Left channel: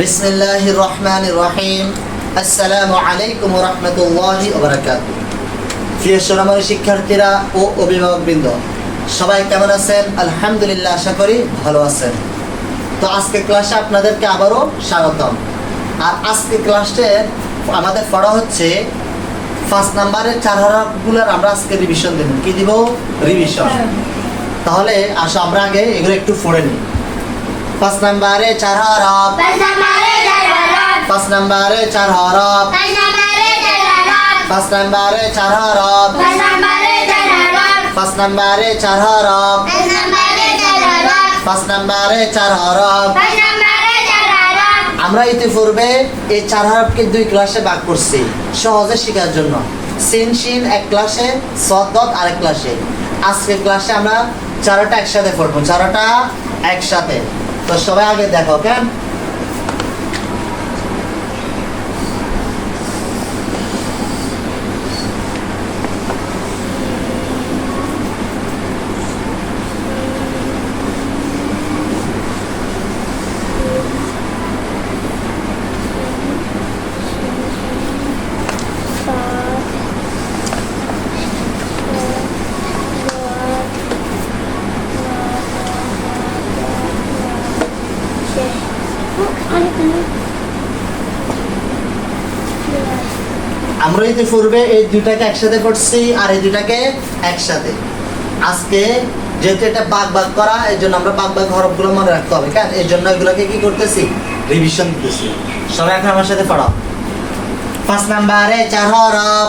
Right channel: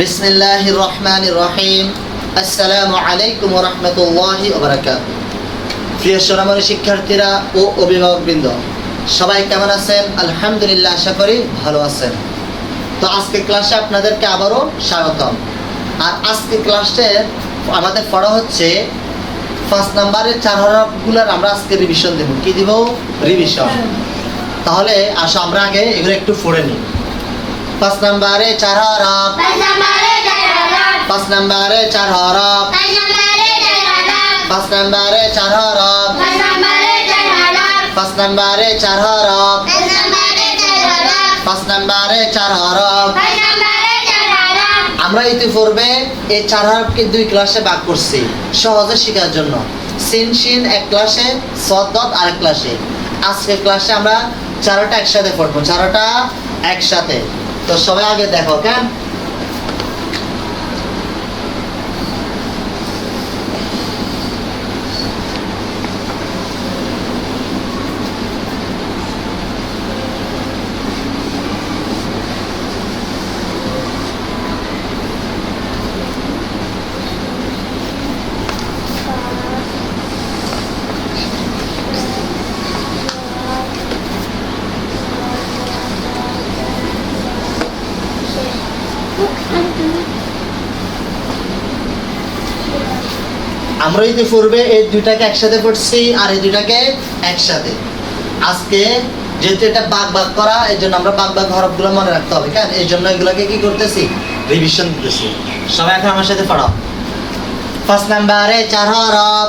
বিসমিল্লাহির রহমানির রহিম। আসসালামু আলাইকুম ওয়া রাহমাতুল্লাহি ওয়া বারাকাতুহু। প্রিয় সোনামণি শিক্ষার্থীরা ও অভিভাবকবৃন্দ, সবাই কেমন আছেন? আলহামদুলিল্লাহ, আশা করি ভালো আছেন। তো আজকে ক্লাসে আপনাদেরকে আবারও স্বাগতম। আর আজকে ক্লাসে আমাদের পড়া হচ্ছে 5 নম্বরের 4 হরফগুলোর আমরা আজকে রিভিশন দেব। কি দিব? রিভিশন। তাহলে আসো আমরা আগে এগুলো একটু পড়ে নিই। 5 নম্বরে 4 হরফ, 5 নম্বরে 4 হরফ, 5 নম্বরে 4 হরফ, 5 নম্বরে 4 হরফ, 5 নম্বরে 4 হরফ। আমরা ইতিপূর্বে এই 4 হরফকে 2 ক্লাসে ভাগ করছি সহজে শেখার জন্য। সিন শিন এক ক্লাসে, সদ দদ আরেক ক্লাসে। আজকে ক্লাসে আমরা 4টা একসাথে পড়বো, 4টা একসাথে। তো সবাই আগে দেখো কেন। আমরা ইতিপূর্বে এই 2টাকে একসাথে পড়ছি আর এই 2টাকে একসাথে। আজকে যেহেতু এটা ভাগ ভাগ করা, এই জন্য আমরা ভাগ ভাগ হরফগুলো মনে রাখতে হবে, কেন? এই জন্য এগুলোকে কি করতেছি? রিভিশন দিতেছি। সবাই এখন আমার সাথে পড়ো। 5 নম্বরে 4 হরফ,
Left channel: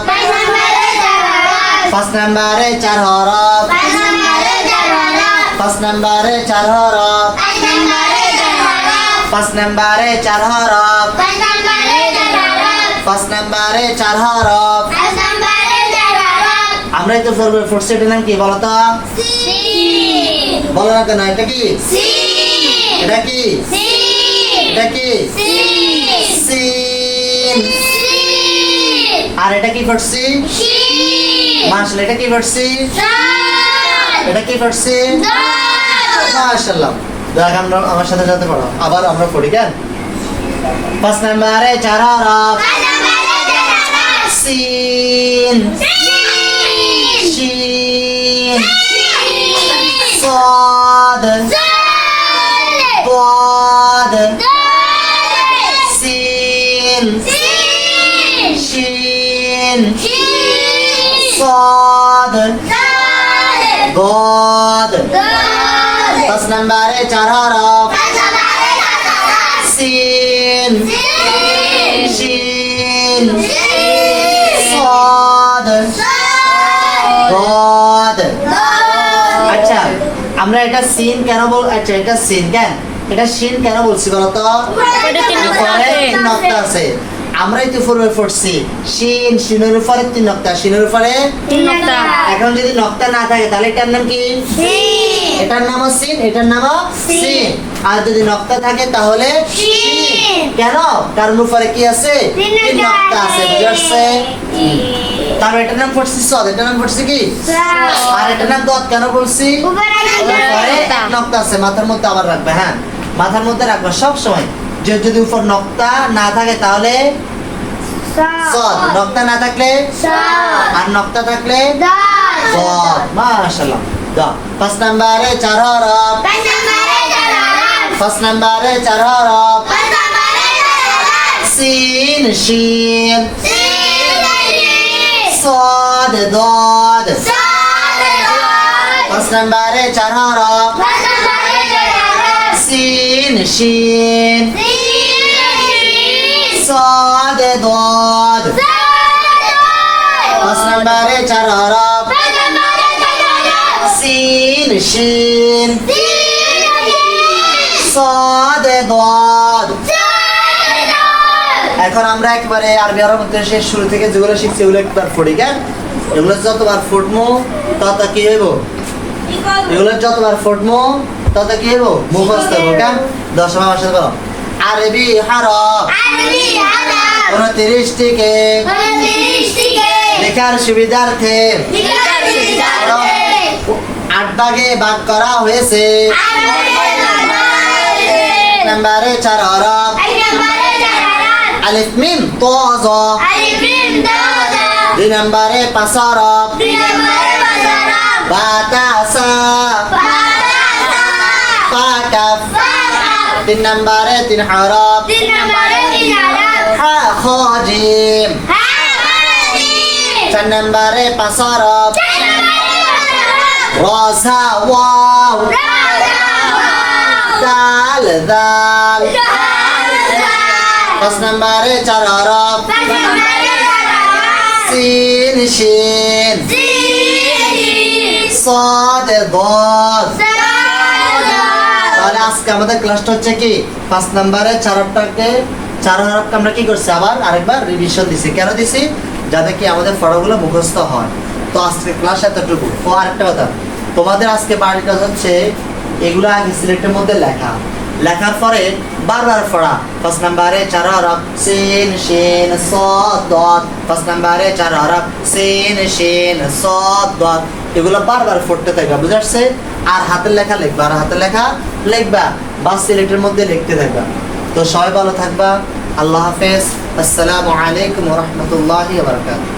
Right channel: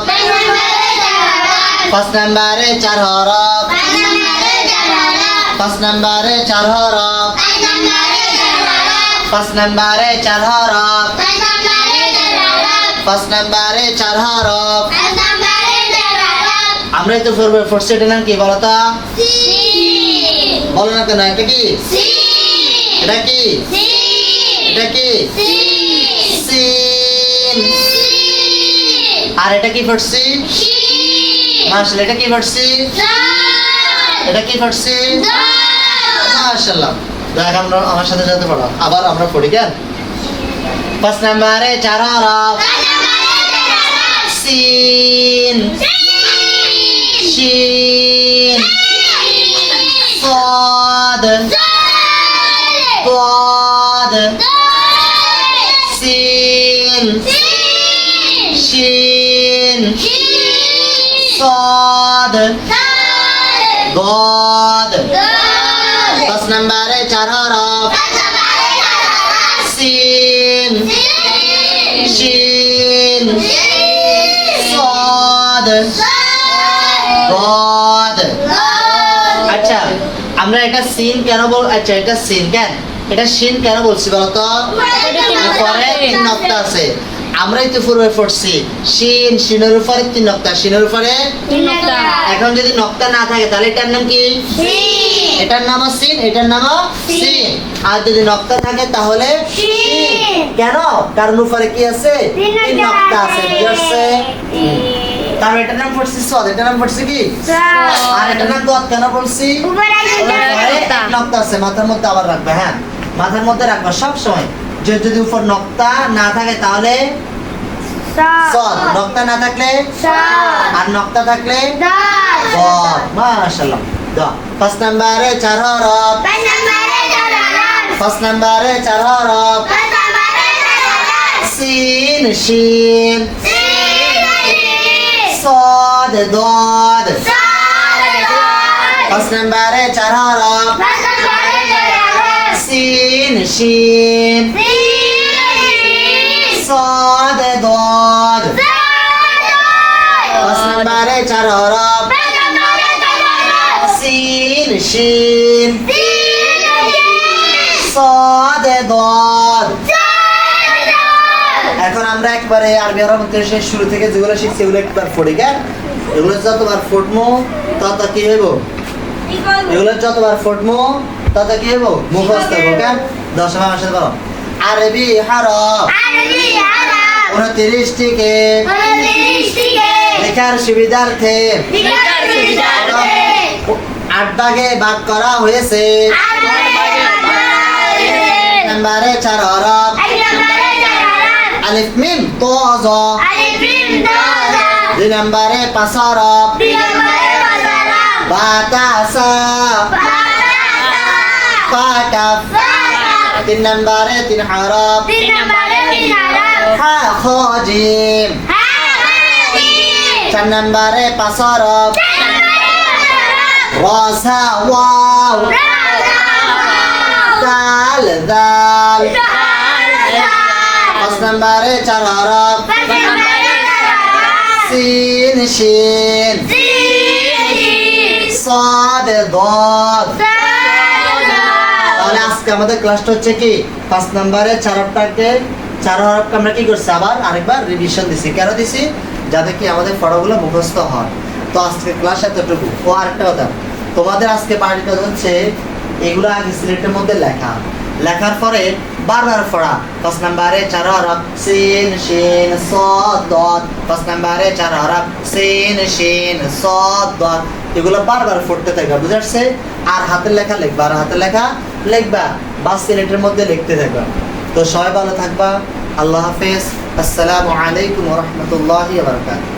5 নম্বরে 4 হরফ, 5 নম্বরে 4 হরফ, 5 নম্বরে 4 হরফ, 5 নম্বরে 4 হরফ। আমরা তো ফোর্থ এটার নাম কি বলো তো? বলো না কেন? এটা কি? এটা কি? এটা কি? সিন। আর এটা কি পড়ছি? মাশাআল্লাহ। এটা কি পড়ছি? এটা কি পড়ছি? মাশাআল্লাহ। দেখ আমরা আমার সাথে সাথে পড়ো। আবার আমরা পড়ি কেন? 5 নম্বরে 4 হরফ, সিন, শিন, صاد ضاد سين شين صاد ضاد। 5 নম্বরে 4 হরফ, সিন, শিন, صاد ضاد। আচ্ছা, আমরা এটা সিন কেন আচ্ছা এটা সিন কেন, এটা শিন কেন বলছি বলো তো? উপরে 3 নক্তা আছে। আমরা ইতিপূর্বে পড়ছি শিন, শিনের উপরে 3 নক্তা, শিনের উপরে 3 নক্তা। এখন যদি নক্তা না থাকে তাহলে এটার নাম কি? এটার নামও সিন, এটার নামও সিন। আর যদি নক্তা থাকে তাহলে শিন। কেন? কারণ উপরে কি আছে? 3 নক্তা আছে। বুঝছে? তার এটার নাম পড়ছি সদ, এটার নাম পড়ছি কি? আর এটার নাম দদ কেন বলছি? নক্তা আছে। মাথার মধ্যে আবার রাখবে, হ্যাঁ মাথার মধ্যে রাখবে সব সময়। যে যদি উপর নক্তা না থাকে তাহলে সদ, নক্তা না থাকলে আর নক্তা থাকলে দদ। মাশাআল্লাহ। দদ। 5 নম্বরে 4 হরফ, 5 নম্বরে 4 হরফ, সিন শিন صاد ضاد। 5 নম্বরে 4 হরফ, সিন শিন صاد ضاد। 5 নম্বরে 4 হরফ, সিন শিন صاد ضاد। এখন আমরা একবারে আরবি হরফ শেষ শুরু থেকে যেগুলো শিখছি এগুলো একবার পড়ি কেন? এগুলো যতবার ফুটমো তত কি হইব? এগুলো যতবার ফুটমো তত কি হইব? মুখস্থ হইব কেন? 10 আমার সাথে বলো। আরবি হরফ 29টিকে লেখার সুবিধার্থে 8 ভাগে ভাগ করা হয়েছে। নম্বরে 4 হরফ আলিফ মিম তো জ 2 নম্বরে 5 হরফ বা তা সা ফা কাফ 3 নম্বরে 3 হরফ হা খ জিম 4 নম্বরে 5 হরফ রা সা ওয়াও দাল দাল 5 নম্বরে 4 হরফ সিন শিন সাদ দাদ। তাহলে আজকে আমাদের ক্লাসটা হচ্ছে কি 5 নম্বরে 4 হরফটাকে 4 হরফকে আমরা কি করছি আবার আরেকবার রিভিশন দিছি। কেন দিছি? যাতে কি আমাদের পড়াগুলো মুখস্থ হয়। তো আজকে ক্লাস এতটুকু। ও আরেকটা কথা, তোমাদের আজকে বাড়ির কাজ হচ্ছে এগুলো আগে সিলেটের মধ্যে লেখার পরে বারবার পড়া। 5 নম্বরে 4 হরফ সিন শিন সাদ দাদ। 5 নম্বরে 4 হরফ সিন শিন সাদ দাদ। এগুলো বারবার পড়তে থাকবা, বুঝতে পারছে? আর হাতের লেখা লিখবা, আর হাতের লেখা লিখবা বা সিলেটের মধ্যে লিখতে থাকবা। তো সবাই ভালো থাকবা। আল্লাহ হাফেজ। আসসালামু আলাইকুম ওয়া রাহমাতুল্লাহি ওয়া বারাকাতুহু।